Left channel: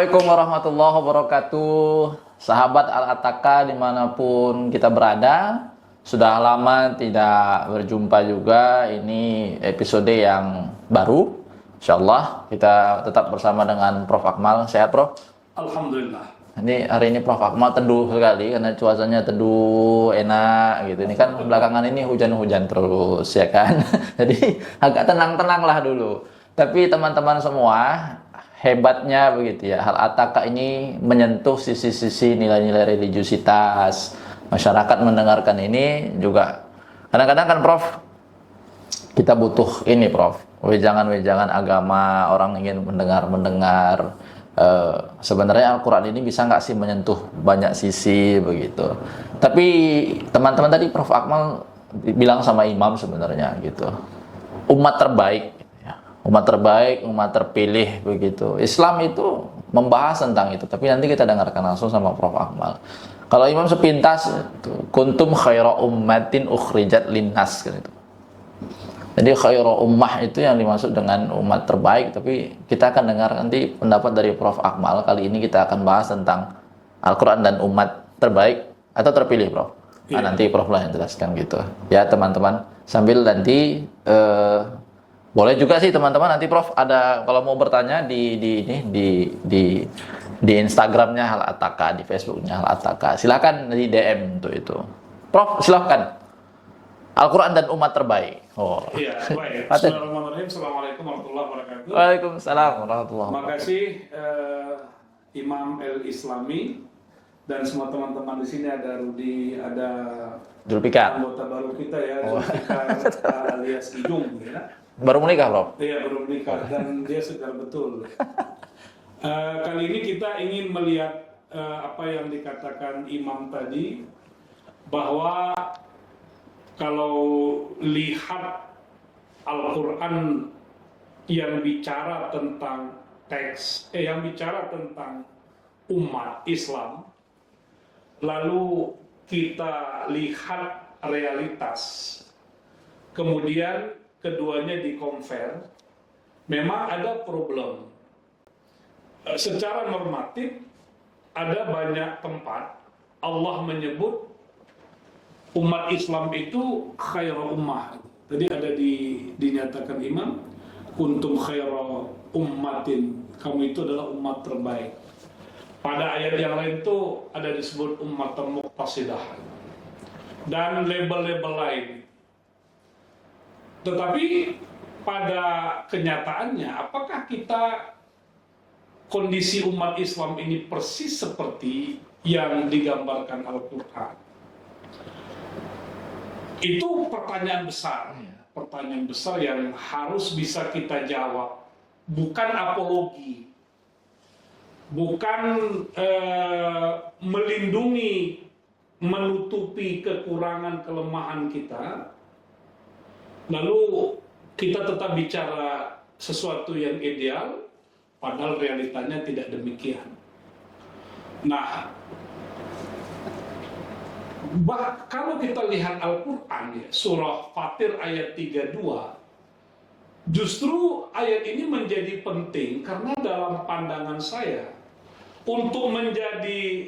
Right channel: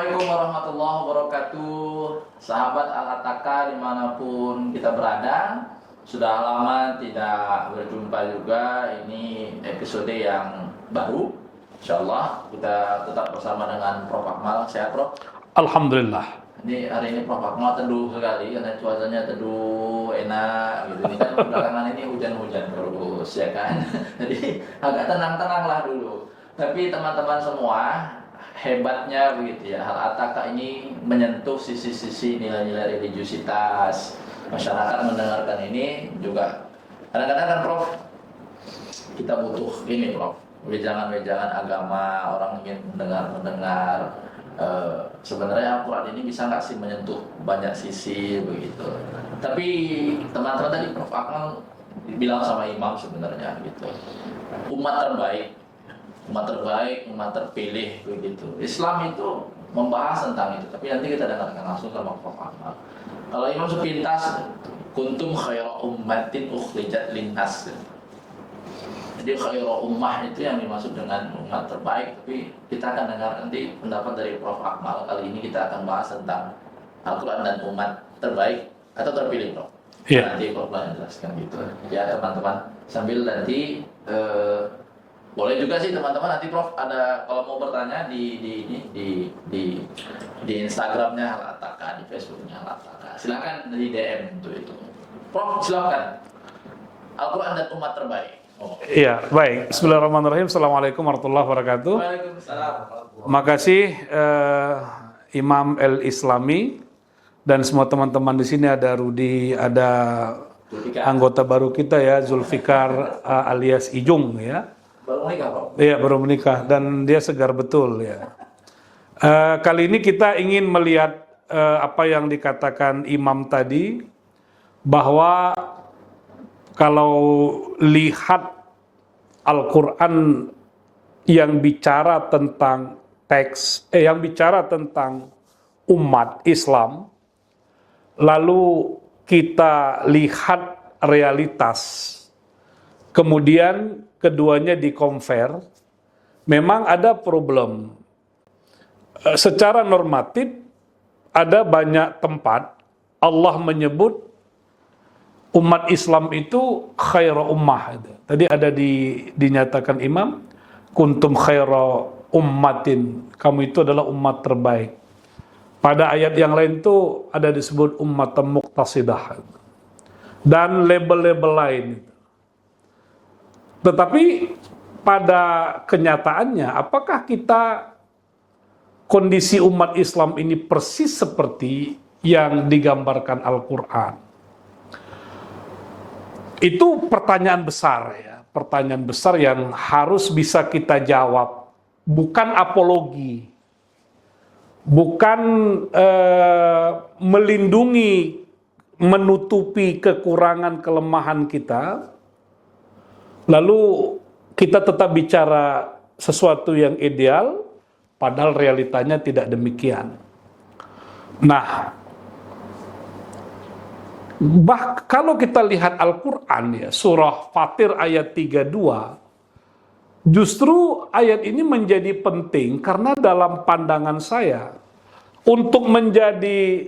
Assalamualaikum warahmatullahi wabarakatuh. Sahabat Al-Ataka dimanapun kita berada, sudah lama tidak berjumpa juga. Ini episode yang baru. Insyaallah kita tetap bersama dengan Prof. Akmal. Sehat, Prof? Alhamdulillah. Ini hari ini Prof. Akmal teduh sekali karena cuacanya teduh, enak gitu. Ini kan belakangan ini hujan-hujan terus ya kan. Jadi agak tenang-tenang lah dulu. Tapi teman-teman semua, hebatnya begitu ya, Al-Ataka ini menyentuh sisi-sisi nilai-nilai religiusitas. Masyarakat mendengarkan ini juga kadang-kadang kan Prof, kita butuh ini Prof, wejangan-wejangan agama, orang ingin mendengar sebenarnya Al-Quran ini bisa nggak sih menyentuh banyak sisi begitu. Tapi teman-teman tadi Prof Akmal bilang sama Imam sebenarnya gitu, umat terbaik, umat terpilih begitu. Islam itu membahas tentang itu, tapi nanti kita dengarkan langsung sama Prof Akmal. Kalau Imam sepintas, kuntum khaira ummatin ukhrijat linnas gitu. Jadi khairu ummah itu yang dimaksud dengan umat terbaik, tapi kita akan dengar nanti pendapat dari Prof Akmal. Kali ini kita akan bahas tentang Al-Quran dan umat terbaik atau terpilih, Prof. Yeah. Nah, nanti Prof lah yang jelaskan gitu. Ya teman-teman, sambil nanti boleh juga sih teman-teman nanti Prof ada kalau mau bertanya di Instagramnya Al-Ataka, di Facebooknya Al-Ataka. Silakan di DM untuk itu. Prof, silakan. Al-Quran dan umat terbaik. Oh. Iya, baik. Bismillahirrahmanirrahim. Assalamualaikum warahmatullahi wabarakatuh. Waalaikumsalam warahmatullahi wabarakatuh. Makasih Imam El Islami dan semua teman-teman di sini, ada Rudi, ada Zulfikar. Anggota baru kita ya, Zulfikar alias Ijung ya. Baru menikah, Prof? Iya, baru menikah dan dia segar betul ya. Kali ini kita ingin melihat apa yang dikatakan Imam tadi, bahwa kalau lihat Al-Quran yang bicara tentang yang bicara tentang umat Islam, lalu kita lihat realitas, kemudian keduanya di-compare, memang ada problem. Secara normatif, ada banyak tempat Allah menyebut umat Islam itu khairu ummah. Tadi ada dinyatakan Imam, kuntum khairu ummatin, kamu itu adalah umat terbaik. Pada ayat yang lain itu ada disebut ummatan muqtasidah dan label-label lain. Tetapi pada kenyataannya, apakah kita kondisi umat Islam ini persis seperti yang digambarkan Al-Quran? Itu pertanyaan besar ya, pertanyaan besar yang harus bisa kita jawab. Bukan apologi, bukan melindungi, menutupi kekurangan kelemahan kita, lalu kita tetap bicara sesuatu yang ideal, padahal realitanya tidak demikian. Nah, kalau kita lihat Al-Quran ya, surah Fatir ayat 32, justru ayat ini menjadi penting karena dalam pandangan saya, untuk menjadi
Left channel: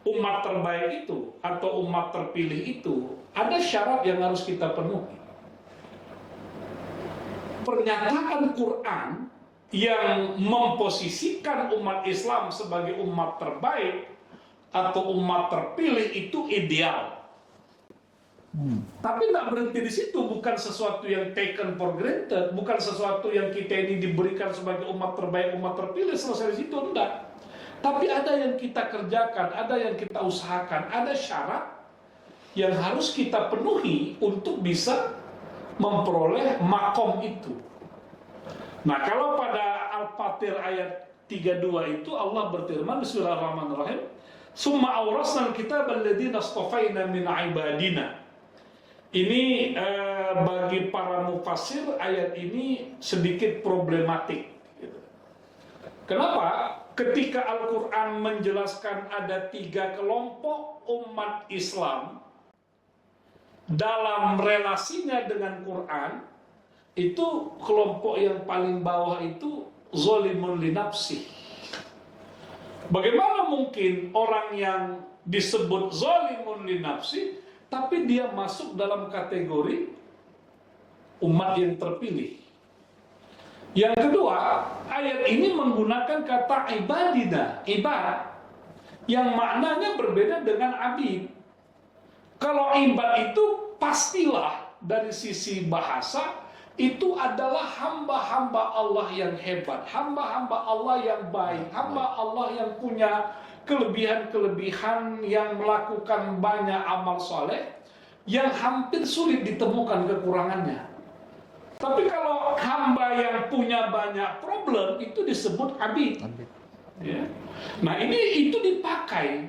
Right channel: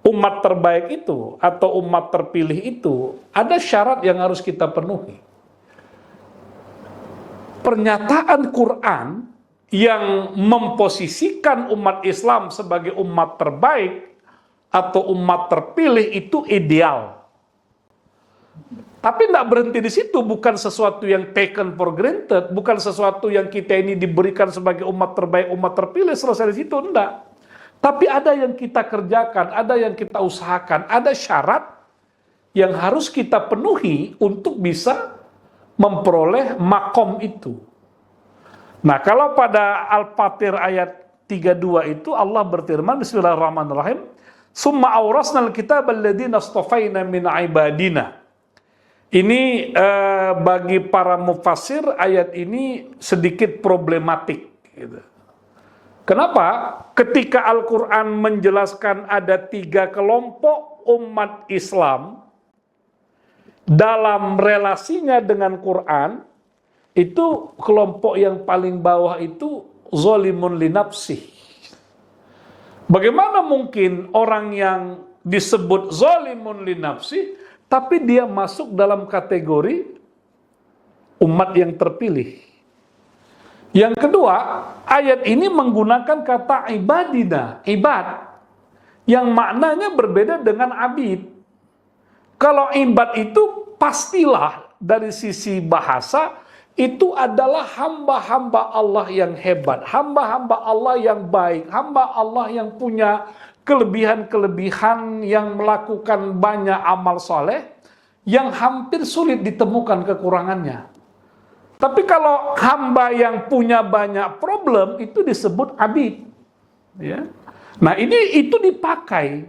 umat terbaik itu atau umat terpilih itu, ada syarat yang harus kita penuhi. Pernyataan Quran yang memposisikan umat Islam sebagai umat terbaik atau umat terpilih itu ideal. Tapi tidak berhenti di situ, bukan sesuatu yang taken for granted, bukan sesuatu yang kita ini diberikan sebagai umat terbaik, umat terpilih, selesai di situ, enggak. Tapi ada yang kita kerjakan, ada yang kita usahakan, ada syarat yang harus kita penuhi untuk bisa memperoleh makom itu. Nah, kalau pada Al-Fatir ayat 32 itu Allah berfirman, Bismillahirrahmanirrahim, summa awrasnal kitab alladziina astafaina min ibadina. Ini bagi para mufassir ayat ini sedikit problematik gitu. Kenapa? Ketika Al-Quran menjelaskan ada 3 kelompok umat Islam dalam relasinya dengan Quran, itu kelompok yang paling bawah itu zalimun li nafsih. Bagaimana mungkin orang yang disebut zalimun li nafsi, tapi dia masuk dalam kategori umat yang terpilih? Yang kedua, ayat ini menggunakan kata ibadina, ibad, yang maknanya berbeda dengan abid. Kalau ibad itu pastilah dari sisi bahasa, itu adalah hamba-hamba Allah yang hebat, hamba-hamba Allah yang baik, hamba Allah yang punya kelebihan-kelebihan, yang melakukan banyak amal soleh, yang hampir sulit ditemukan kekurangannya. Tapi kalau hamba yang punya banyak problem, itu disebut abid. Ya. Nah itu dipakai.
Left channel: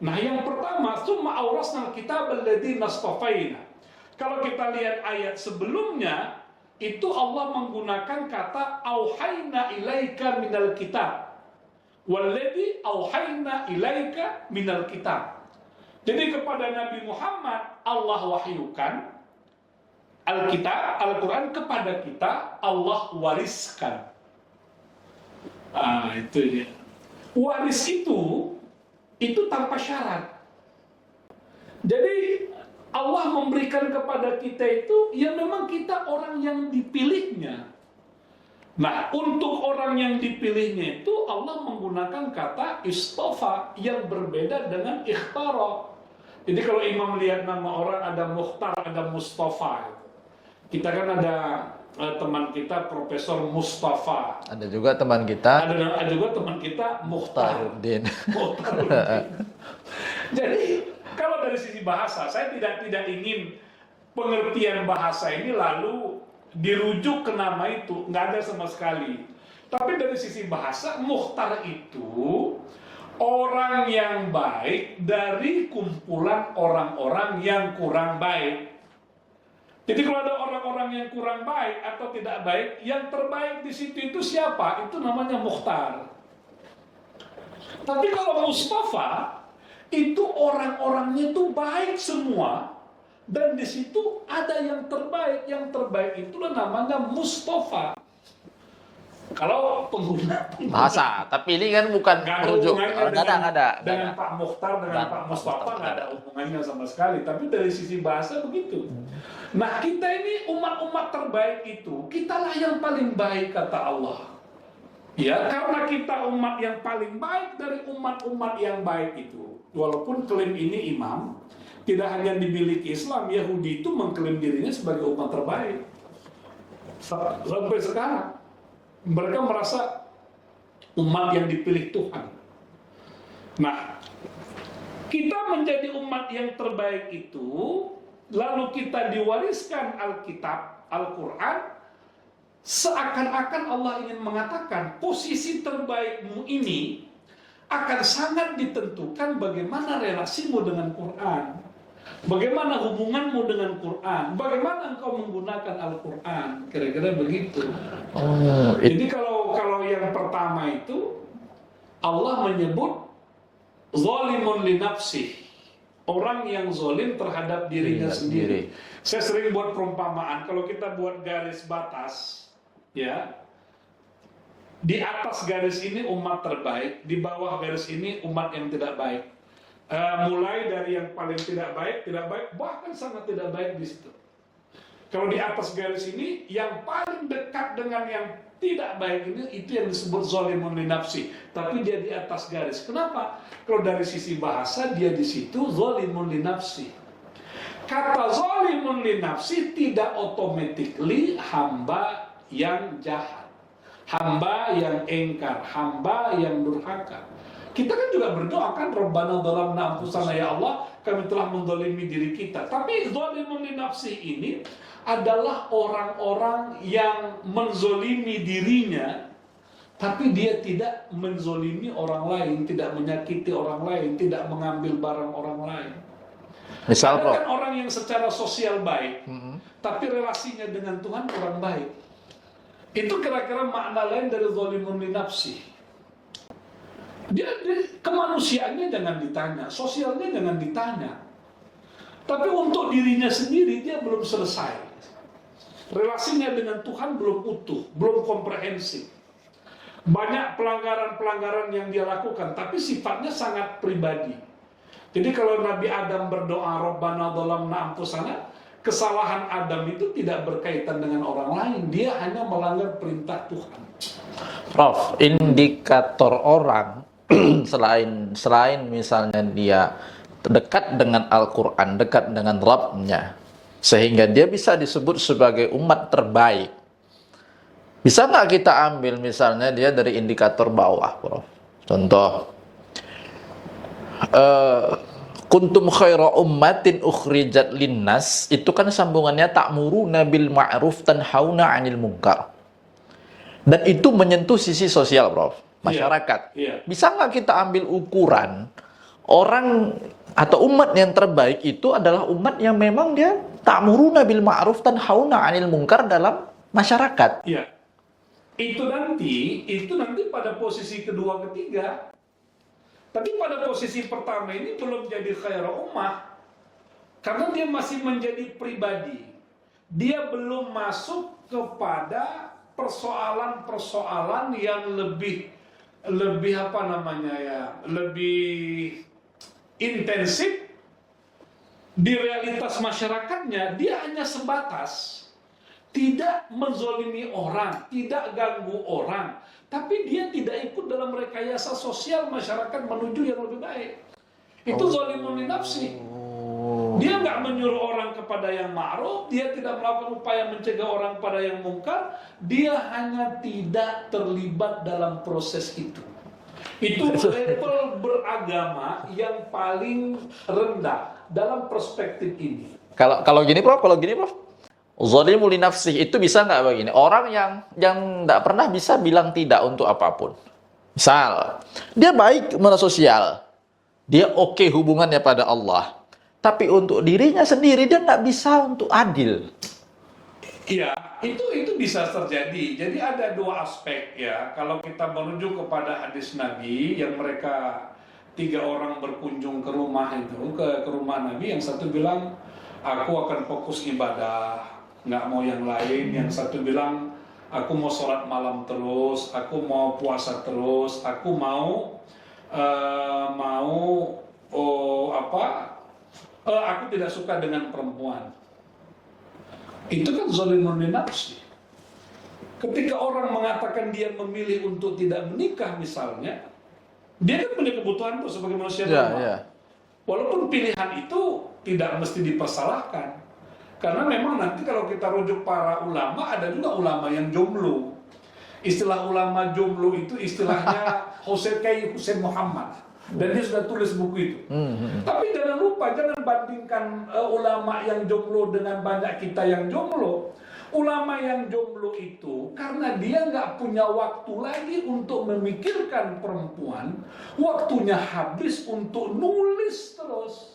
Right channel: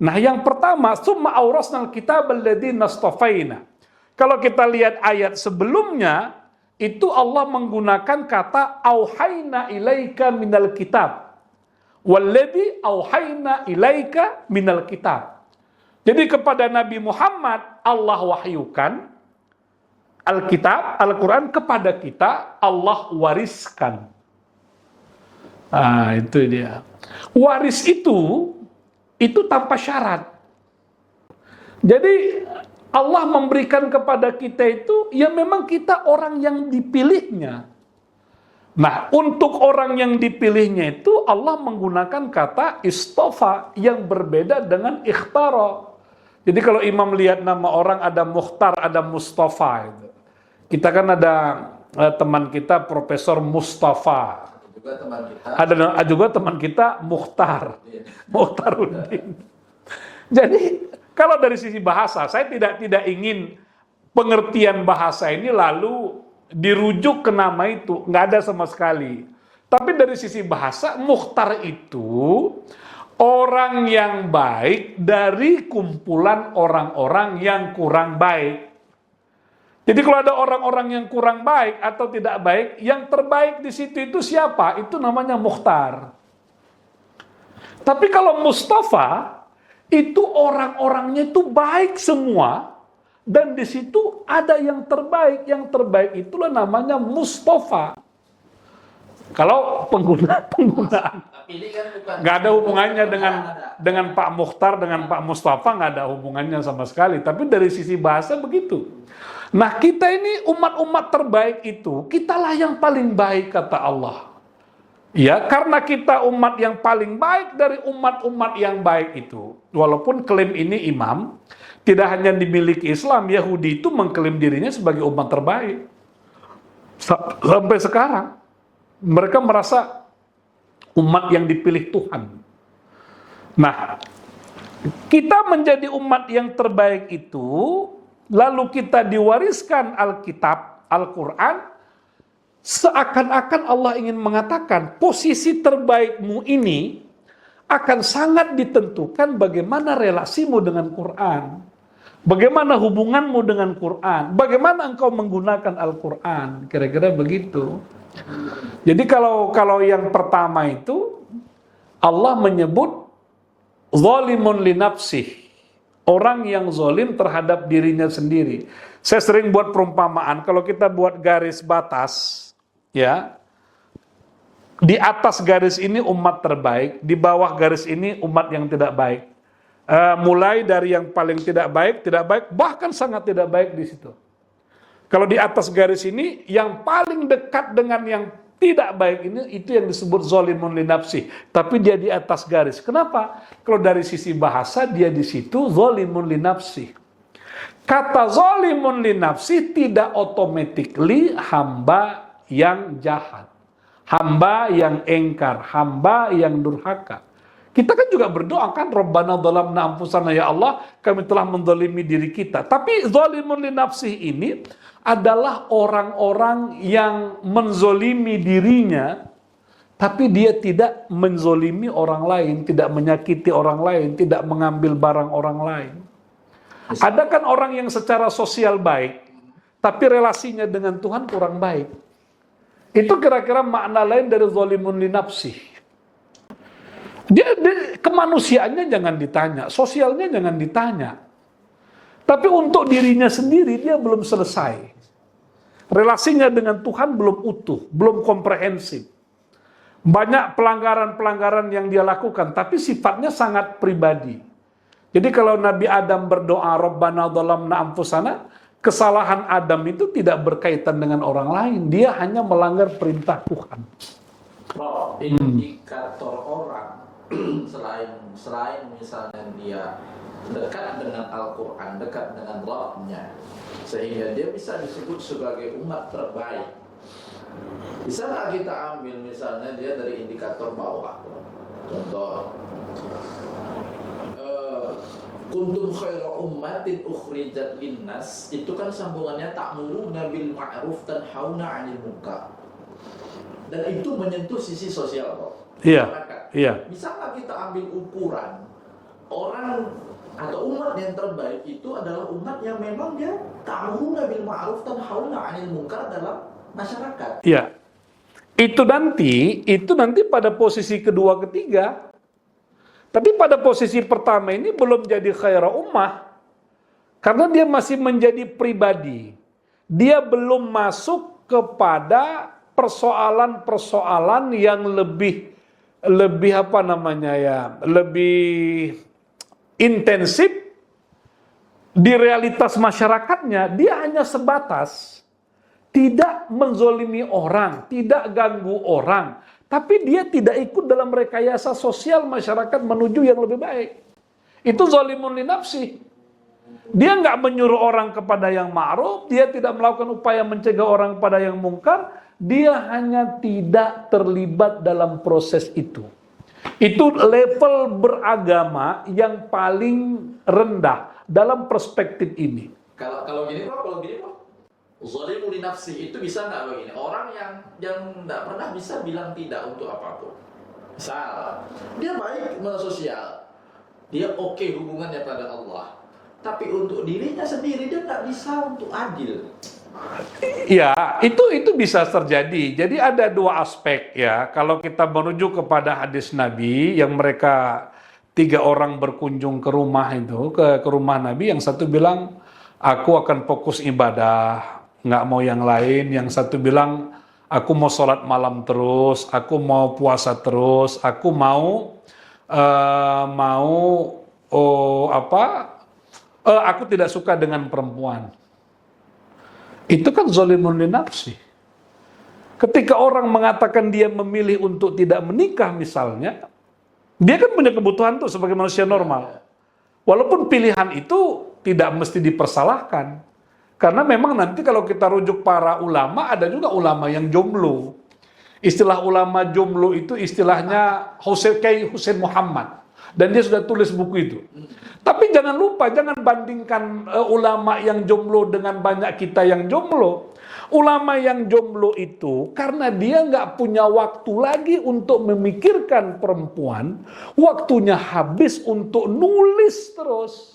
Nah yang pertama, summa aurasnal kitab alladzina astafaina. Kalau kita lihat ayat sebelumnya, itu Allah menggunakan kata auhayna ilaika minal kitab. Walladzi auhayna ilaika minal kitab. Jadi kepada Nabi Muhammad Allah wahyukan Alkitab, Al-Quran, kepada kita Allah wariskan. Nah, itu dia. Waris itu tanpa syarat. Jadi Allah memberikan kepada kita itu, ya memang kita orang yang dipilihnya. Nah, untuk orang yang dipilihnya itu Allah menggunakan kata istofa yang berbeda dengan ikhtara. Jadi kalau imam lihat nama orang ada Mukhtar, ada Mustafa. Kita kan ada teman kita Profesor Mustafa. Ada juga teman kita. Ada juga teman kita Mukhtar. Mukhtaruddin. Jadi kalau dari sisi bahasa, saya tidak ingin pengertian bahasa ini lalu dirujuk ke nama itu, nggak ada sama sekali. Tapi dari sisi bahasa, Mukhtar itu orang yang baik dari kumpulan orang-orang yang kurang baik. Jadi kalau ada orang-orang yang kurang baik atau tidak baik, yang terbaik di situ itu siapa? Itu namanya Mukhtar. Tapi kalau Mustafa, itu orang-orangnya itu baik semua, dan di situ ada yang terbaik. Yang terbaik itulah namanya Mustafa. Kalau pengguna Masa, tapi ini kan bukan nggak ada hubungannya dengan Pak Mukhtar, dengan Pak Mustafa, nggak ada hubungannya sama sekali. Tapi dari sisi bahasa begitu. Nah, kita ini umat-umat terbaik itu, kitalah yang paling baik kata Allah. Ya, karena kita umat yang paling baik dari umat-umat yang baik itu. Walaupun klaim ini imam tidak hanya dimiliki Islam, Yahudi itu mengklaim dirinya sebagai umat terbaik. Sampai sekarang mereka merasa umat yang dipilih Tuhan. Nah, kita menjadi umat yang terbaik itu, lalu kita diwariskan Alkitab, Al-Quran, seakan-akan Allah ingin mengatakan posisi terbaikmu ini akan sangat ditentukan bagaimana relasimu dengan Quran, bagaimana hubunganmu dengan Quran, bagaimana engkau menggunakan Al-Quran, kira-kira begitu. Jadi kalau yang pertama itu Allah menyebut zalimun li nafsih, orang yang zalim terhadap dirinya sendiri. Saya sering buat perumpamaan, kalau kita buat garis batas, ya, di atas garis ini umat terbaik, di bawah garis ini umat yang tidak baik. Mulai dari yang paling tidak baik, bahkan sangat tidak baik di situ. Kalau di atas garis ini, yang paling dekat dengan yang tidak baik ini, itu yang disebut zalimun li nafsi. Tapi dia di atas garis. Kenapa? Kalau dari sisi bahasa, dia di situ zalimun li nafsi. Kata zalimun li nafsi tidak automatically hamba yang jahat, hamba yang engkar, hamba yang durhaka. Kita kan juga berdoa kan, Rabbana dhalamna anfusana, ya Allah, kami telah menzalimi diri kita. Tapi zalimun li nafsi ini adalah orang-orang yang menzolimi dirinya, tapi dia tidak menzolimi orang lain, tidak menyakiti orang lain, tidak mengambil barang orang lain. Ada kan orang yang secara sosial baik, tapi relasinya dengan Tuhan kurang baik. Itu kira-kira makna lain dari zalimun li nafsi. Dia kemanusiaannya jangan ditanya, sosialnya jangan ditanya. Tapi untuk dirinya sendiri dia belum selesai. Relasinya dengan Tuhan belum utuh, belum komprehensif. Banyak pelanggaran-pelanggaran yang dia lakukan, tapi sifatnya sangat pribadi. Jadi kalau Nabi Adam berdoa, Rabbana dhalamna anfusana, kesalahan Adam itu tidak berkaitan dengan orang lain. Dia hanya melanggar perintah Tuhan. Prof, indikator orang selain misalnya dia dekat dengan Al-Quran, dekat dengan Rabbnya, sehingga dia bisa disebut sebagai umat terbaik. Bisa nggak kita ambil misalnya dia dari indikator bawah, Prof? Contoh, kuntum khaira ummatin ukhrijat linnas, itu kan sambungannya ta'muruna bil ma'ruf tanhauna 'anil munkar. Dan itu menyentuh sisi sosial, Prof. Masyarakat. Iya. Bisa nggak kita ambil ukuran orang atau umat yang terbaik itu adalah umat yang memang dia ta'muruna bil ma'ruf tanhauna 'anil munkar dalam masyarakat. Iya. Itu nanti pada posisi kedua, ketiga. Tapi pada posisi pertama ini belum jadi khaira ummah. Karena dia masih menjadi pribadi. Dia belum masuk kepada persoalan-persoalan yang lebih lebih intensif di realitas masyarakatnya. Dia hanya sebatas tidak menzolimi orang, tidak ganggu orang, tapi dia tidak ikut dalam rekayasa sosial masyarakat menuju yang lebih baik. Itu zolimun li nafsi. Dia nggak menyuruh orang kepada yang ma'ruf, dia tidak melakukan upaya mencegah orang pada yang mungkar, dia hanya tidak terlibat dalam proses itu. Itu level beragama yang paling rendah dalam perspektif ini. Kalau gini, Prof, zalimu li nafsih itu bisa nggak begini? Orang yang nggak pernah bisa bilang tidak untuk apapun. Misal, dia baik sosial, dia oke hubungannya pada Allah, tapi untuk dirinya sendiri dia nggak bisa untuk adil. Ya, itu bisa terjadi. Jadi ada dua aspek ya. Kalau kita merujuk kepada hadis Nabi yang mereka 3 orang berkunjung ke rumah itu, ke rumah Nabi, yang satu bilang aku akan fokus ibadah, nggak mau yang lain. Yang satu bilang aku mau sholat malam terus, aku mau puasa terus, aku aku tidak suka dengan perempuan. Itu kan zalimun li nafsi. Ketika orang mengatakan dia memilih untuk tidak menikah misalnya, dia kan punya kebutuhan tuh sebagai manusia normal. Walaupun pilihan itu tidak mesti dipersalahkan. Karena memang nanti kalau kita rujuk para ulama, ada juga ulama yang jomblo. Istilah ulama jomblo itu istilahnya Husain Muhammad. Dan dia sudah tulis buku itu. Tapi jangan lupa, jangan bandingkan ulama yang jomblo dengan banyak kita yang jomblo. Ulama yang jomblo itu, karena dia nggak punya waktu lagi untuk memikirkan perempuan, waktunya habis untuk nulis terus.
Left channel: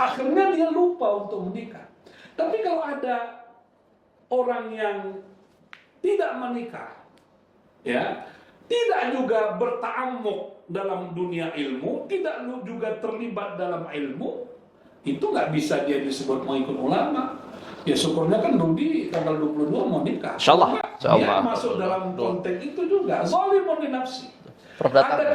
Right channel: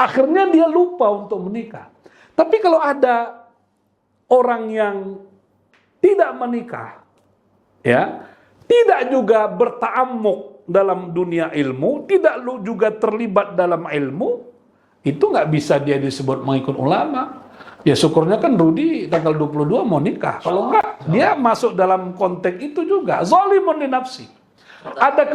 Akhirnya dia lupa untuk menikah. Tapi kalau ada orang yang tidak menikah, ya, tidak juga berta'ammuk dalam dunia ilmu, tidak juga terlibat dalam ilmu, itu nggak bisa dia disebut mengikut ulama. Ya syukurnya kan Rudi tanggal 22 mau nikah. Kalau nggak, dia masuk dalam konteks itu juga. Zalimun li nafsi. Ada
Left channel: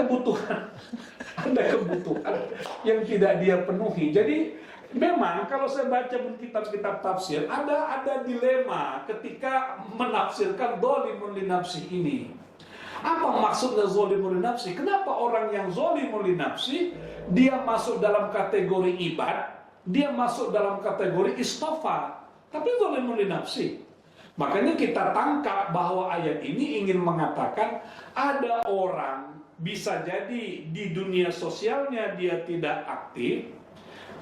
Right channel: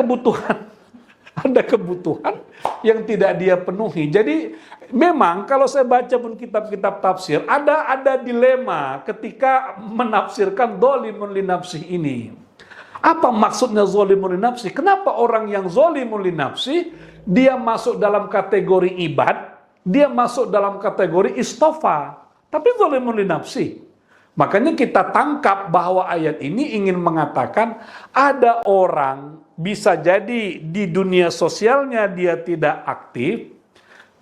kebutuhan yang tidak dia penuhi. Jadi memang kalau saya baca pun kitab-kitab tafsir, ada dilema ketika menafsirkan zalimun li nafsi ini. Apa maksudnya zalimun li nafsi? Kenapa orang yang zalimun li nafsi dia masuk dalam kategori ibad, dia masuk dalam kategori istofa, tapi zalimun li nafsi. Makanya kita tangkap bahwa ayat ini ingin mengatakan ada orang bisa jadi di dunia sosialnya dia tidak aktif,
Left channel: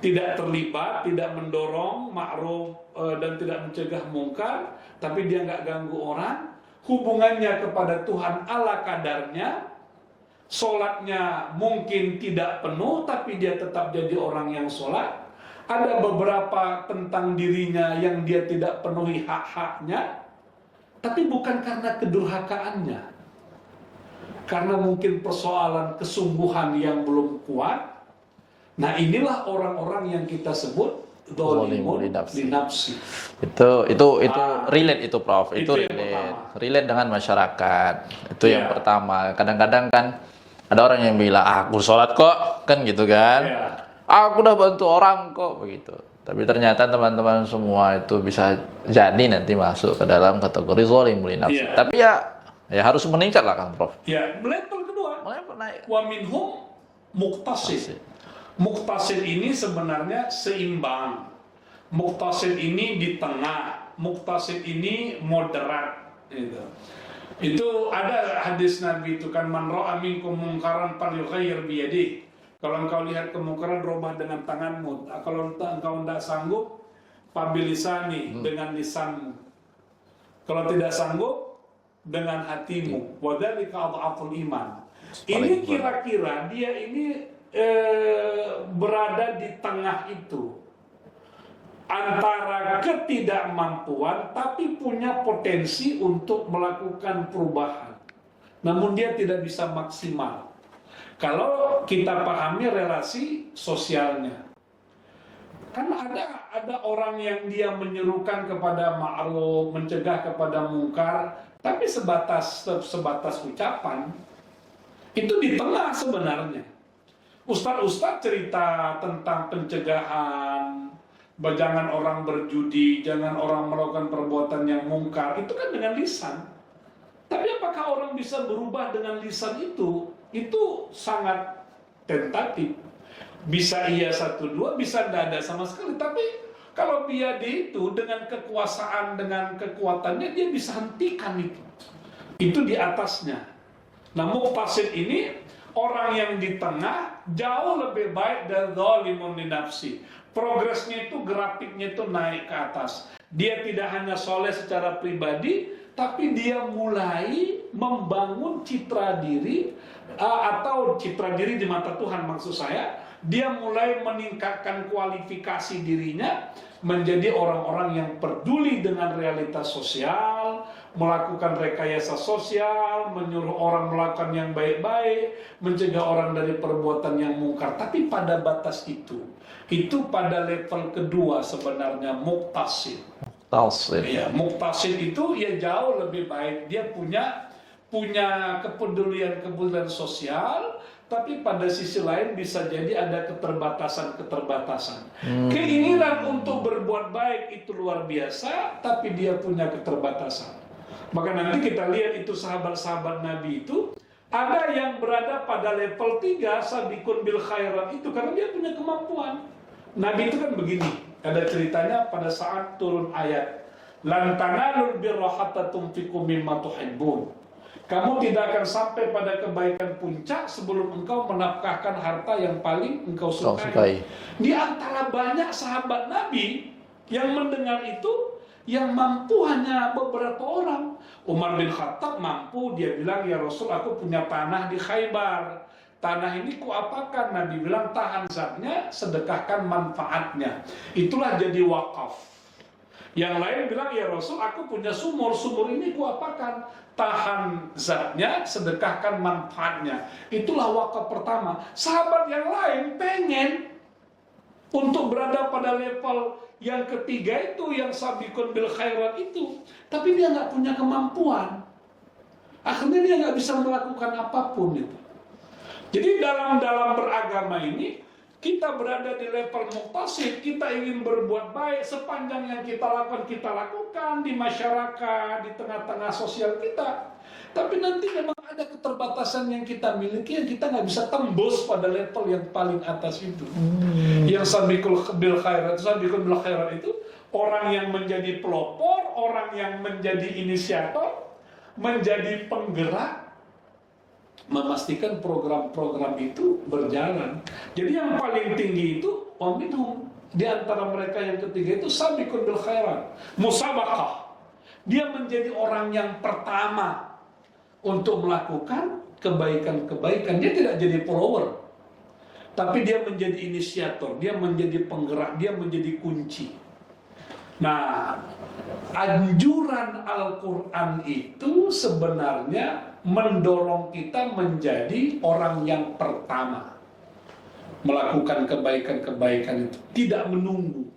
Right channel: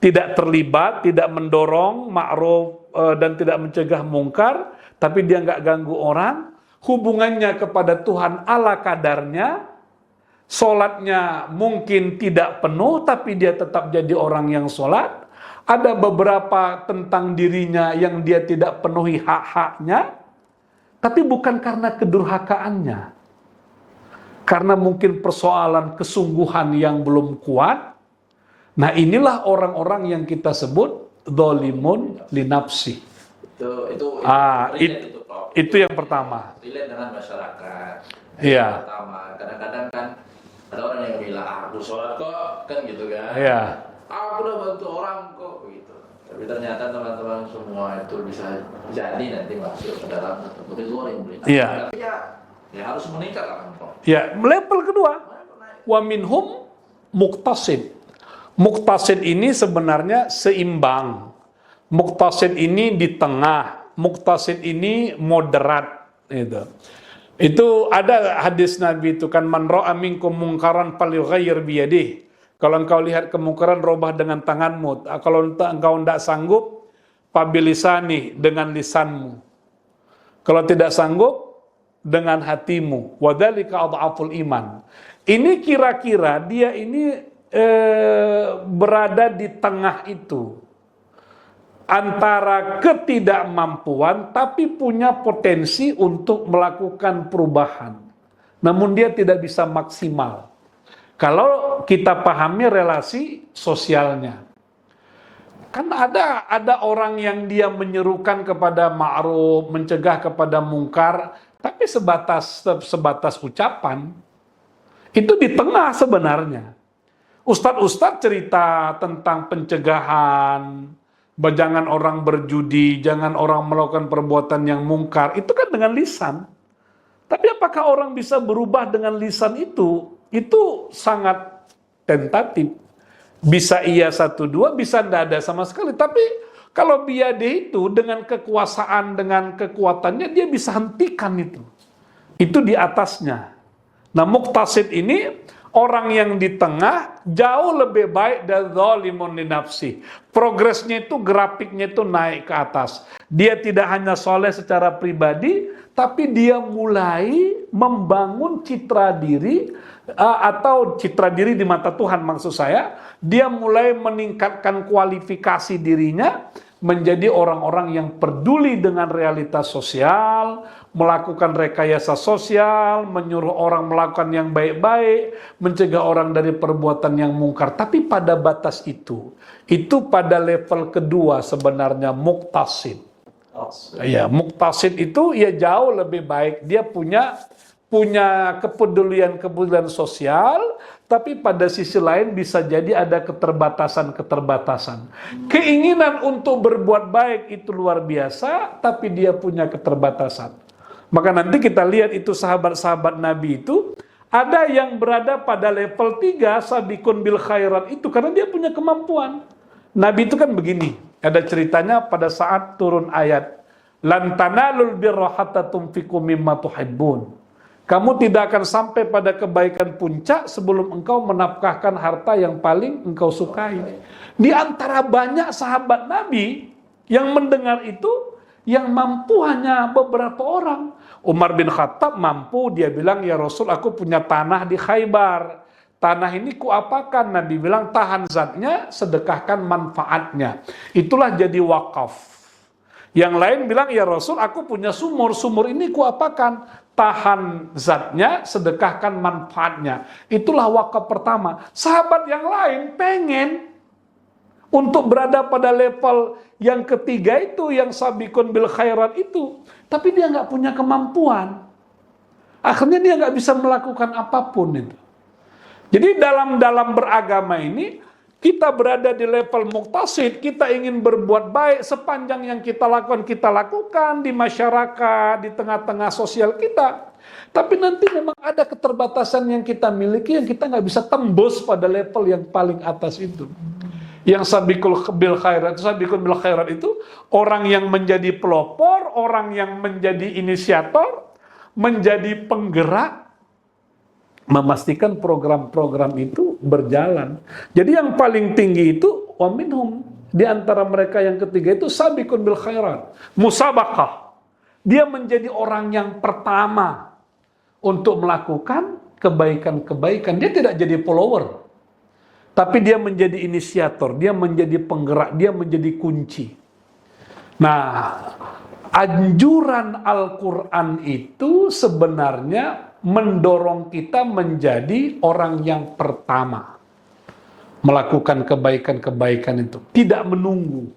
tidak terlibat, tidak mendorong ma'ruf dan tidak mencegah mungkar, tapi dia nggak ganggu orang, hubungannya kepada Tuhan ala kadarnya, sholatnya mungkin tidak penuh, tapi dia tetap jadi orang yang sholat. Ada beberapa tentang dirinya yang dia tidak penuhi hak-haknya, tapi bukan karena kedurhakaannya. Karena mungkin persoalan kesungguhan yang belum kuat. Nah inilah orang-orang yang kita sebut dzalimun li nafsi. Itu relate itu Prof. Itu yang pertama. Relate dengan masyarakat. Itu yang pertama. Kadang-kadang kan ada orang yang bilang, aku sholat kok, kan gitu kan. Aku udah bantu orang kok, begitu. Tapi ternyata teman-teman semua itu bisa jadi nanti masuk ke dalam kategori zalimul li nafsi. Tapi ya harus meningkat lah kan Prof. Level kedua. Wa minhum muqtasid. Muqtasid ini sebenarnya seimbang. Muqtasid ini di tengah. Muqtasid ini moderat. Itu ada hadis Nabi itu kan, man ra'a minkum munkaran falyughayyir biyadihi. Kalau engkau lihat kemungkaran, robah dengan tanganmu. Kalau engkau tidak sanggup, fabilisani, dengan lisanmu. Kalau tidak sanggup, dengan hatimu. Wadzalika adhaful iman. Ini kira-kira dia ini berada di tengah itu. Antara ketidakmampuan, tapi punya potensi untuk melakukan perubahan. Namun dia tidak bisa maksimal. Kalau kita pahami relasi sosialnya. Kan ada orang yang dia menyerukan kepada ma'ruf, mencegah kepada mungkar, tapi sebatas ucapan. Itu di tengah sebenarnya. Ustadz cerita tentang pencegahan, jangan orang berjudi, jangan orang melakukan perbuatan yang mungkar, itu kan dengan lisan. Tapi apakah orang bisa berubah dengan lisan itu? Itu sangat tentatif. Bisa iya 1, 2, bisa tidak ada sama sekali. Tapi kalau biade itu dengan kekuasaan, dengan kekuatannya, dia bisa hentikan itu. Itu di atasnya. Nah, muqtasid ini orang yang di tengah jauh lebih baik dari dzalimun li nafsi. Progresnya itu, grafiknya itu naik ke atas. Dia tidak hanya soleh secara pribadi, tapi dia mulai membangun citra diri, atau citra diri di mata Tuhan maksud saya. Dia mulai meningkatkan kualifikasi dirinya menjadi orang-orang yang peduli dengan realitas sosial, melakukan rekayasa sosial, menyuruh orang melakukan yang baik-baik, mencegah orang dari perbuatan yang mungkar. Tapi pada batas itu pada level kedua sebenarnya muqtasid. Ya, muqtasid itu ya jauh lebih baik. Dia punya kepedulian sosial, tapi pada sisi lain bisa jadi ada keterbatasan. Keinginan untuk berbuat baik itu luar biasa, tapi dia punya keterbatasan. Maka nanti kita lihat itu sahabat-sahabat Nabi itu, ada yang berada pada level 3, sabikun bil khairat itu, karena dia punya kemampuan. Nabi itu kan begini, ada ceritanya pada saat turun ayat, lan tanalul birra hatta tunfiqu mimma tuhibbun. Kamu tidak akan sampai pada kebaikan puncak sebelum engkau menafkahkan harta yang paling engkau sukai. Di antara banyak sahabat Nabi yang mendengar itu, yang mampu hanya beberapa orang. Umar bin Khattab mampu, dia bilang, ya Rasul, aku punya tanah di Khaybar. Tanah ini kuapakan? Nabi bilang, tahan zatnya, sedekahkan manfaatnya. Itulah jadi wakaf. Yang lain bilang, ya Rasul, aku punya sumur. Sumur ini kuapakan? Tahan zatnya, sedekahkan manfaatnya. Itulah wakaf pertama. Sahabat yang lain pengen untuk berada pada level yang ketiga itu, yang sabikun bil khairat itu, tapi dia nggak punya kemampuan. Akhirnya dia nggak bisa melakukan apapun itu. Jadi dalam beragama ini, kita berada di level muqtasid, kita ingin berbuat baik, sepanjang yang kita lakukan di masyarakat, di tengah-tengah sosial kita. Tapi nanti memang ada keterbatasan yang kita miliki, yang kita nggak bisa tembus pada level yang paling atas itu. Yang sabikun bil khairat itu, orang yang menjadi pelopor, orang yang menjadi inisiator, menjadi penggerak, memastikan program-program itu berjalan. Jadi yang paling tinggi itu wa minhum, di antara mereka yang ketiga itu sabikun bil khairat, musabaqah. Dia menjadi orang yang pertama untuk melakukan kebaikan-kebaikan. Dia tidak jadi follower, tapi dia menjadi inisiator, dia menjadi penggerak, dia menjadi kunci. Nah, anjuran Al-Quran itu sebenarnya mendorong kita menjadi orang yang pertama melakukan kebaikan-kebaikan itu. Tidak menunggu.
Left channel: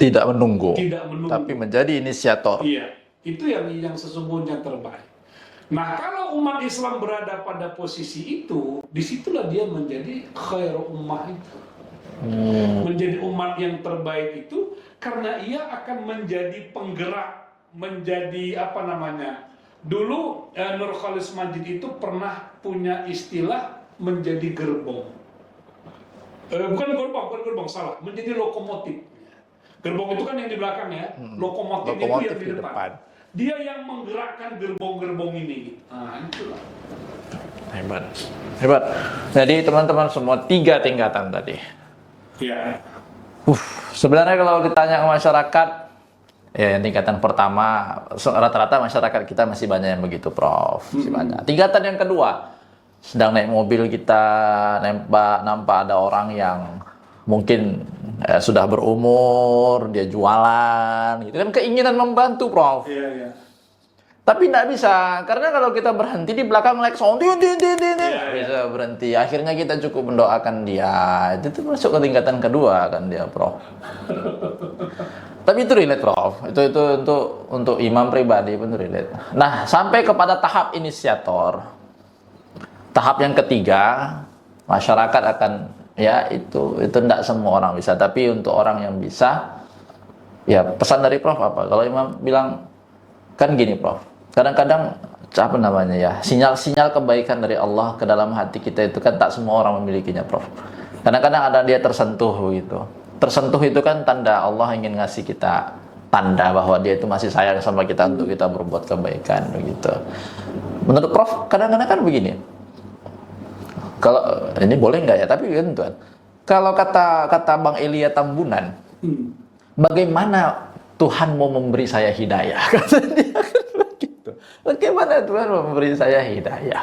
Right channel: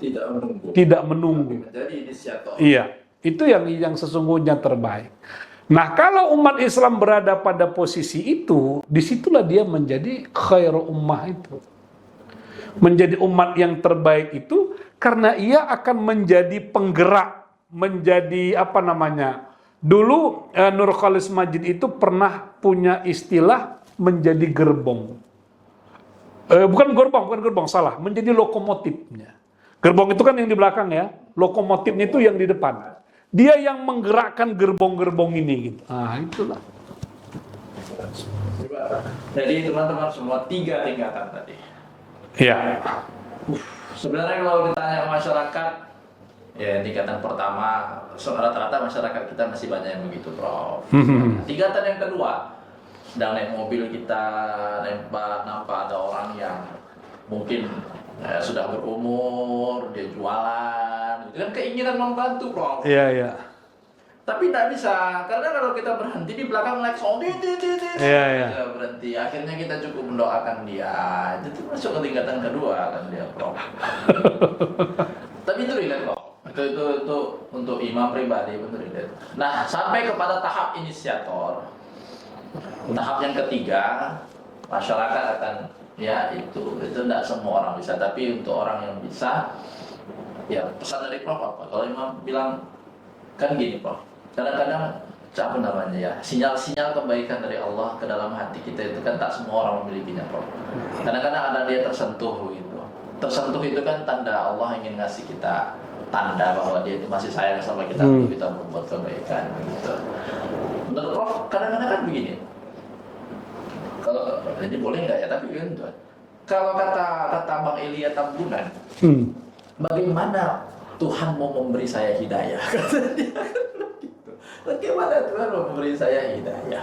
Tidak menunggu. Tidak menunggu. Tapi menjadi inisiator. Iya, itu yang sesungguhnya terbaik. Nah, kalau umat Islam berada pada posisi itu, disitulah dia menjadi khairu ummah itu. Menjadi umat yang terbaik itu karena ia akan menjadi penggerak, menjadi apa namanya? Dulu Nur Khalis Majid itu pernah punya istilah menjadi gerbong. Bukan gerbong, salah. Menjadi lokomotifnya. Gerbong itu kan yang di belakang ya, lokomotifnya itu yang di depan. Dia yang menggerakkan gerbong-gerbong ini. Gitu. Nah, itulah. Hebat. Jadi teman-teman semua 3 tingkatan tadi. Ya. Sebenarnya kalau ditanya ke masyarakat, ya tingkatan pertama rata-rata masyarakat kita masih banyak yang begitu, Prof. Tingkatan yang kedua, sedang naik mobil kita nampak ada orang yang mungkin sudah berumur, dia jualan, gitu kan, keinginan membantu, Prof. Iya. Tapi tidak bisa, karena kalau kita berhenti di belakang like sound, bisa berhenti. Akhirnya kita cukup mendoakan dia. Itu tuh masuk ke tingkatan kedua kan dia, Prof. Tapi itu relate, Prof. Itu untuk imam pribadi pun relate. Nah, sampai kepada tahap inisiator. Tahap yang ketiga, masyarakat akan ya itu tidak semua orang bisa, tapi untuk orang yang bisa, ya pesan dari Prof apa? Kalau imam bilang kan gini, Prof. Kadang-kadang apa namanya ya, sinyal-sinyal kebaikan dari Allah ke dalam hati kita itu kan tak semua orang memilikinya, Prof. Kadang-kadang ada dia tersentuh gitu. Tersentuh itu kan tanda Allah ingin ngasih kita tanda bahwa dia itu masih sayang sama kita untuk kita berbuat kebaikan begitu. Menurut Prof, kadang-kadang kan begini. Kalau ini boleh nggak ya? Tapi kan Tuhan, kalau kata Bang Elia Tambunan, bagaimana Tuhan mau memberi saya hidayah? Kata dia begitu. Bagaimana Tuhan mau memberi saya hidayah?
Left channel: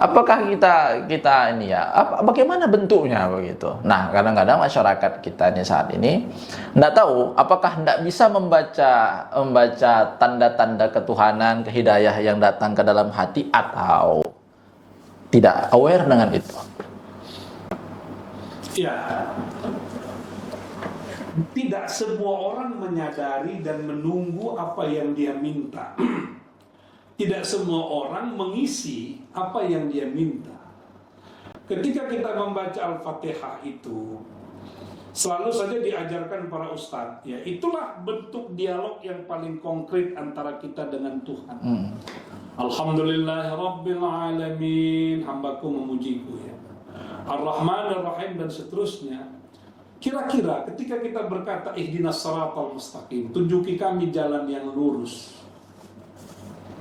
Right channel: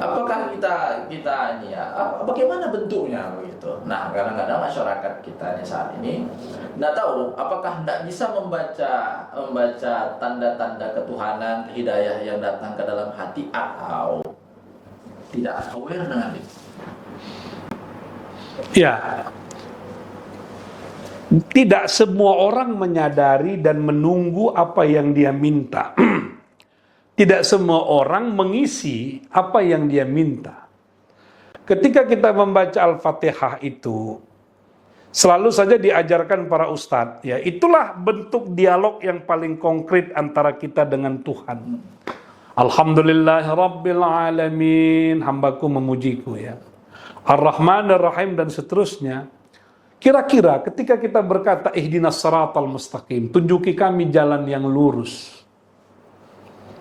Apakah kita ini ya? Bagaimana bentuknya begitu? Nah, kadang-kadang masyarakat kita ini saat ini tidak tahu apakah tidak bisa membaca tanda-tanda ketuhanan, kehidayah yang datang ke dalam hati atau tidak aware dengan itu. Ya. Tidak semua orang menyadari dan menunggu apa yang dia minta. Tidak semua orang mengisi apa yang dia minta. Ketika kita membaca Al-Fatihah itu, selalu saja diajarkan para ustadz, ya itulah bentuk dialog yang paling konkret antara kita dengan Tuhan. Alhamdulillahirabbil alamin, hambaku memujiku ya. Ar-Rahmanir Rahim dan seterusnya. Kira-kira ketika kita berkata ihdinas siratal mustaqim, tunjuki kami jalan yang lurus.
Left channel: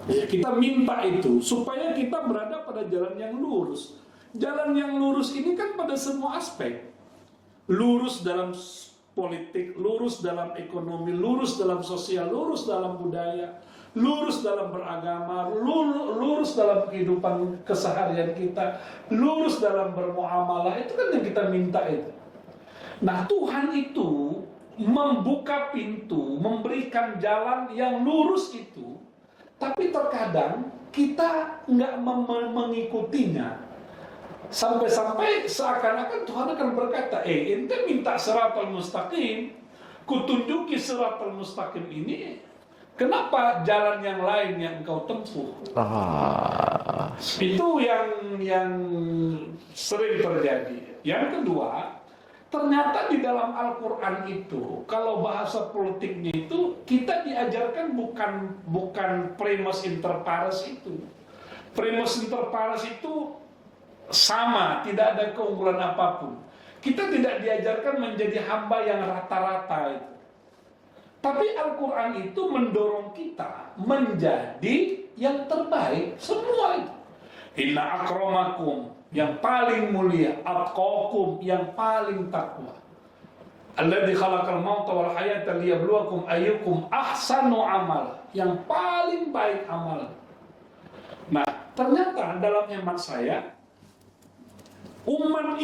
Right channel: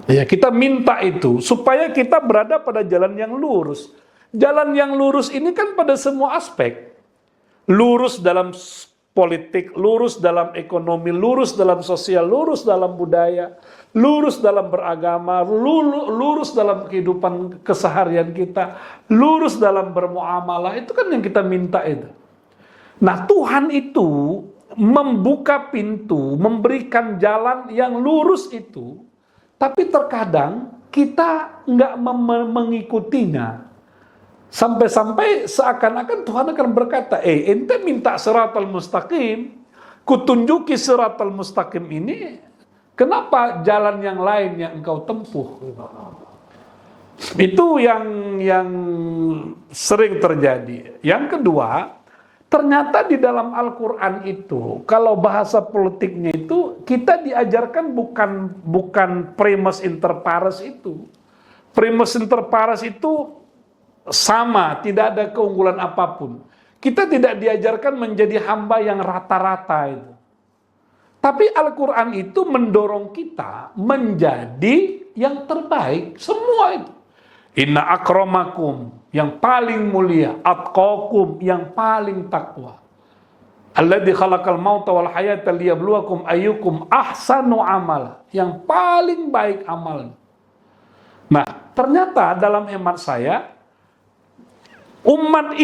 Ya, kita minta itu supaya kita berada pada jalan yang lurus. Jalan yang lurus ini kan pada semua aspek. Lurus dalam politik, lurus dalam ekonomi, lurus dalam sosial, lurus dalam budaya, lurus dalam beragama, lurus dalam kehidupan keseharian kita, lurus dalam bermuamalah. Itu kan yang kita minta itu. Nah, Tuhan itu membuka pintu, memberikan jalan yang lurus itu, tapi terkadang kita nggak mengikutinya. Sampai-sampai seakan-akan Tuhan akan berkata, ente minta siratal mustaqim, kutunjuki siratal mustaqim ini, kenapa jalan yang lain yang engkau tempuh? Itu yang sering terjadi. Yang kedua, ternyata di dalam Al-Quran itu, kalau bahasa politiknya itu, kita diajarkan bukan primus inter pares itu. Primus inter pares itu sama, tidak ada keunggulan apapun. Kita tidak diajarkan menjadi hamba yang rata-rata itu. Tapi Al-Quran itu mendorong kita menjadi yang terbaik, semua itu. Inna akramakum, yang paling mulia, atqakum, yang paling takwa. Alladzi khalaqal mauta wal hayata liyabluwakum ayyukum ahsanu amal, yang paling baik amal. Nah, ternyata dalam hemat saya, umat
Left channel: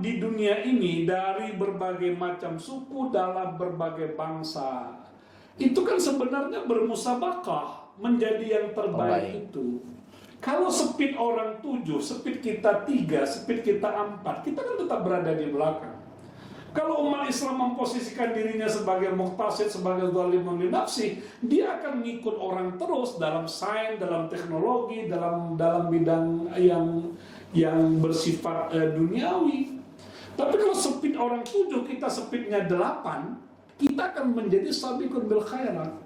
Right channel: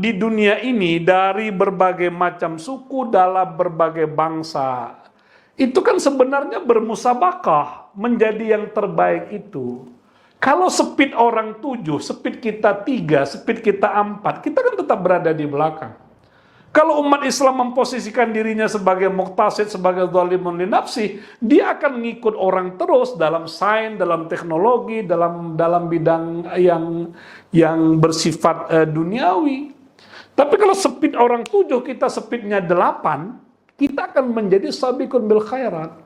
di dunia ini dari berbagai macam suku, dalam berbagai bangsa, itu kan sebenarnya bermusabakah menjadi yang terbaik itu. Kalau speed orang 7, speed kita 3, speed kita 4, kita kan tetap berada di belakang. Kalau umat Islam memposisikan dirinya sebagai muqtasid, sebagai zalimun li nafsi, dia akan ngikut orang terus dalam sains, dalam teknologi, dalam bidang yang bersifat duniawi. Tapi kalau speed orang 7, kita speednya 8, kita akan menjadi sabiqun bil khairat.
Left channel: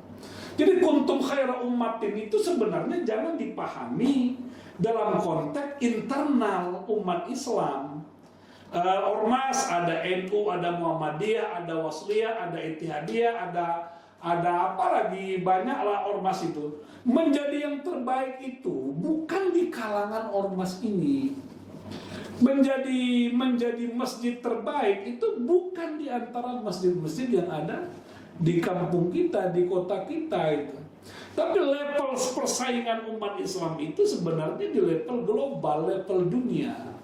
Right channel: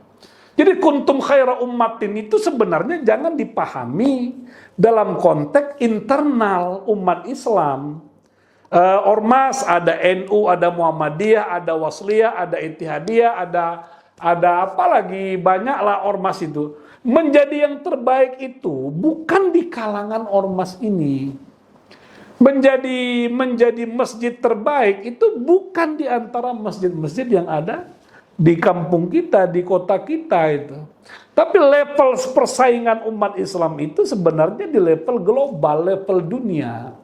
Jadi kuntum khaira ummatin itu sebenarnya jangan dipahami dalam konteks internal umat Islam. Ormas, ada NU, ada Muhammadiyah, ada Wasliyah, ada Ittihadiyah, ada apa lagi, banyaklah ormas itu. Menjadi yang terbaik itu bukan di kalangan ormas ini. Menjadi masjid terbaik itu bukan di antara masjid-masjid yang ada di kampung kita, di kota kita itu. Tapi level persaingan umat Islam itu sebenarnya di level global, level dunia.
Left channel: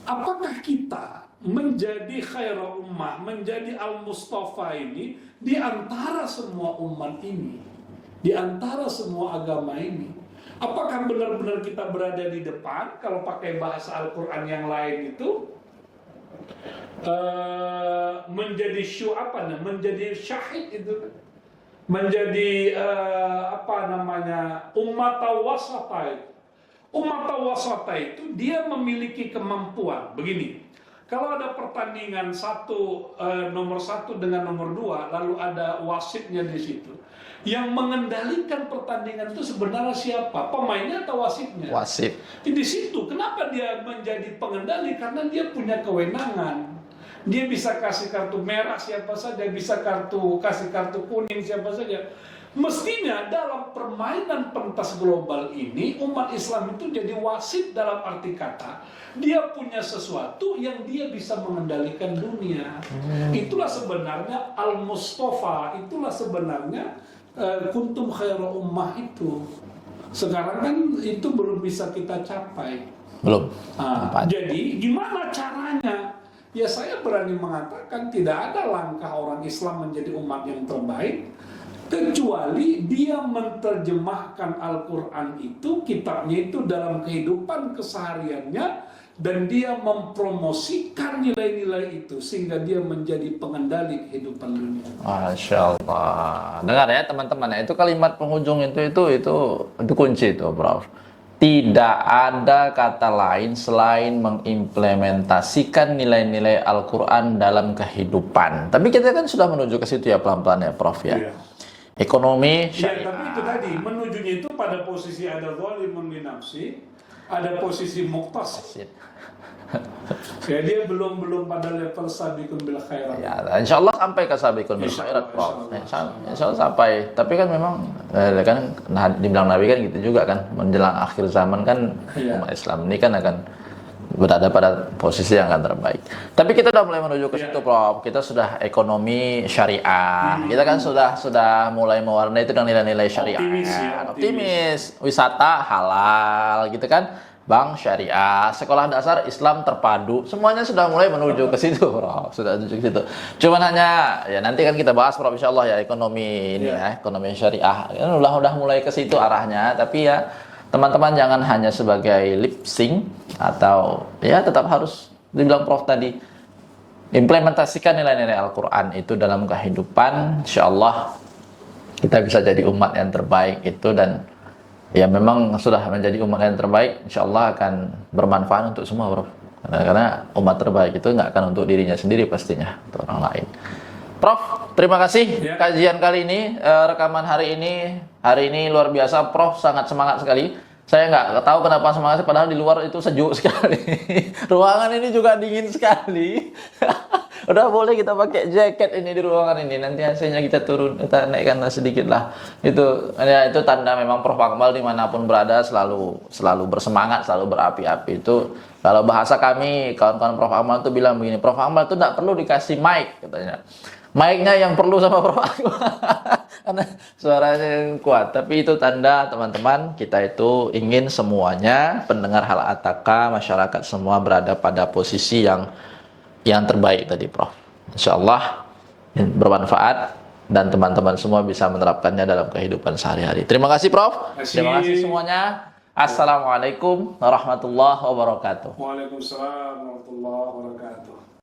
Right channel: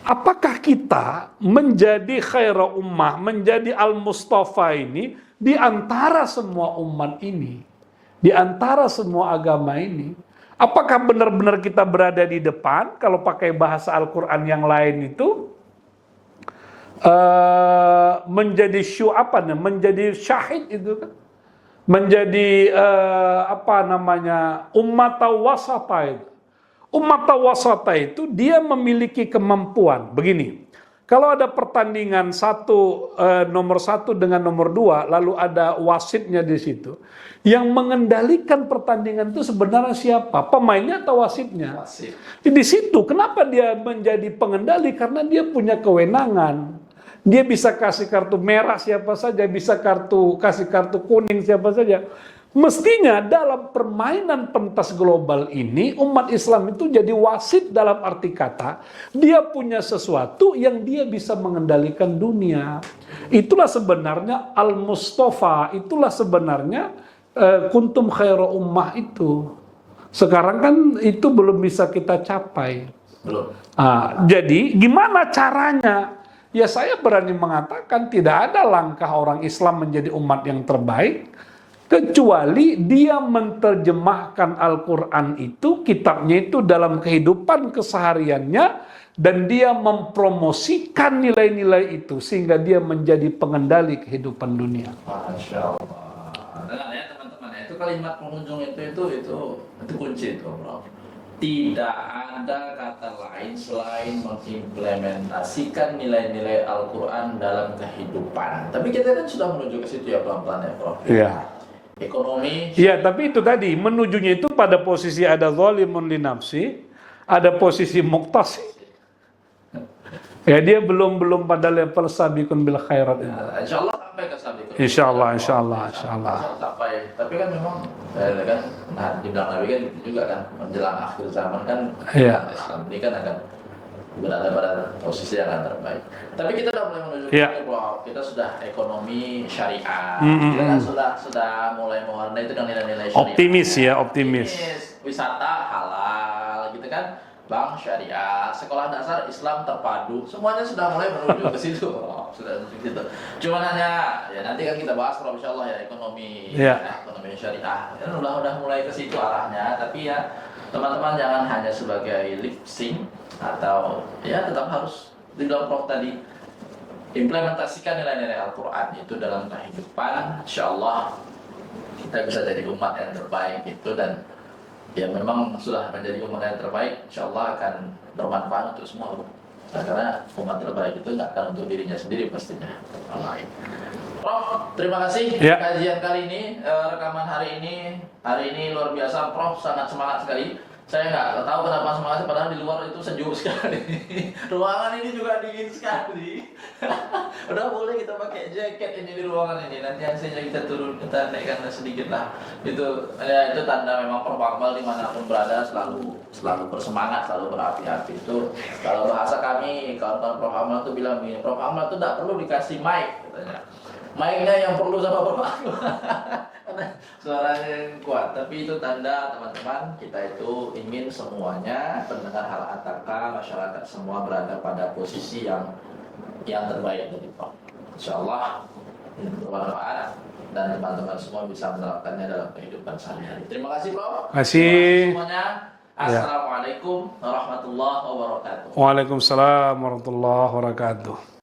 Apakah kita menjadi khaira ummah, menjadi al-Mustafa ini di antara semua umat ini, di antara semua agama ini? Apakah benar-benar kita berada di depan? Kalau pakai bahasa Al-Quran yang lain itu menjadi menjadi syahid itu kan, menjadi ummat wasata itu. Umat wasata itu dia memiliki kemampuan begini. Kalau ada pertandingan nomor 1 dengan nomor 2, lalu ada wasitnya di situ. Yang mengendalikan pertandingan itu sebenarnya siapa? Pemainnya atau wasitnya? Wasit. Di situ kenapa dia menjadi pengendali? Karena dia punya kewenangan. Dia bisa kasih kartu merah siapa saja, bisa kasih kartu kuning siapa saja. Mestinya dalam permainan pentas global ini umat Islam itu jadi wasit dalam arti kata dia punya sesuatu yang dia bisa mengendalikan dunia. Itulah sebenarnya al-Mustafa, itulah sebenarnya kuntum khairu ummah itu. Sekarang kan itu belum bisa kita capai. Belum. Jadi gimana caranya? Ya saya berani mengatakan tidak ada langkah orang Islam menjadi umat yang terbaik kecuali dia menerjemahkan Al-Quran itu, kitabnya itu dalam kehidupan kesehariannya, dan dia mempromosikan nilai-nilai itu sehingga dia menjadi pengendali kehidupan dunia. Masya Allah. Dengar ya teman-teman, itu kalimat penghujung itu kunci itu, Prof. Tidak ada kata lain selain mengimplementasikan nilai-nilai Al-Quran dalam kehidupan. Tapi kita kan sudah menuju ke situ ya pelan-pelan ya, Prof ya. Yeah. Ekonomi. Iya, tapi itu tadi menujunya itu pada posisi ada zalimun li nafsi, ada posisi muqtasid. Ya dia belum pada level sabiqun bil khairat. Ya, insya Allah sampai ke sabiqun bil khairat. Insya Allah sampai. Tapi kan memang dibilang Nabi kan gitu juga kan, menjelang akhir zaman kan Islam ini kan akan berada pada posisi yang akan terbaik. Tapi kita sudah mulai menuju ke situ, Prof. Kita sudah ekonomi syariah. Kita kan sudah mulai mewarnai itu dengan nilai-nilai syariah. Optimis. Wisata halal, gitu kan. Bank syariah, sekolah dasar Islam terpadu, semuanya sudah mulai menuju ke situ, Prof. Sudah menuju ke situ. Cuman hanya ya nanti kan kita bahas, Prof, insyaallah ya ekonomi ekonomi syariah. Kan udah mulai ke situ arahnya, tapi ya teman-teman jangan hanya sebagai lip sync atau ya tetap harus dibilang Prof tadi implementasikan nilai-nilai Al-Quran itu dalam kehidupan. Insyaallah kita bisa jadi umat yang terbaik itu, dan ya memang sudah menjadi umat yang terbaik, insyaallah akan bermanfaat untuk semua, Prof. Karena umat terbaik itu nggak akan untuk dirinya sendiri pastinya, untuk orang lain. Prof, terima kasih kajian kali ini, rekaman hari ini luar biasa, Prof sangat semangat sekali. Saya nggak tahu kenapa semangat, padahal di luar itu sejuk sekali. Ruangan ini juga dingin sekali. Udah boleh kita pakai jaket ini di ruangan ini. Nanti hasilnya kita kita naikkan sedikit lah. Itu tanda memang Prof Akmal dimanapun berada selalu bersemangat, selalu berapi-api. Itu kalau bahasa kami, kawan-kawan Prof Akmal itu bilang begini, Prof Akmal itu tidak perlu dikasih mic, katanya. Mic-nya yang perlu sama Prof Akmal. Karena suaranya yang kuat. Tapi itu tanda teman-teman, kita itu ingin semuanya pendengar hal ataka, masyarakat semua berada pada posisi yang terbaik tadi, Prof. Insyaallah bermanfaat dan teman-teman semua bisa menerapkannya dalam kehidupan sehari-hari. Terima kasih, Prof. Terima kasih semuanya. Assalamualaikum warahmatullahi wabarakatuh. Waalaikumsalam warahmatullahi wabarakatuh.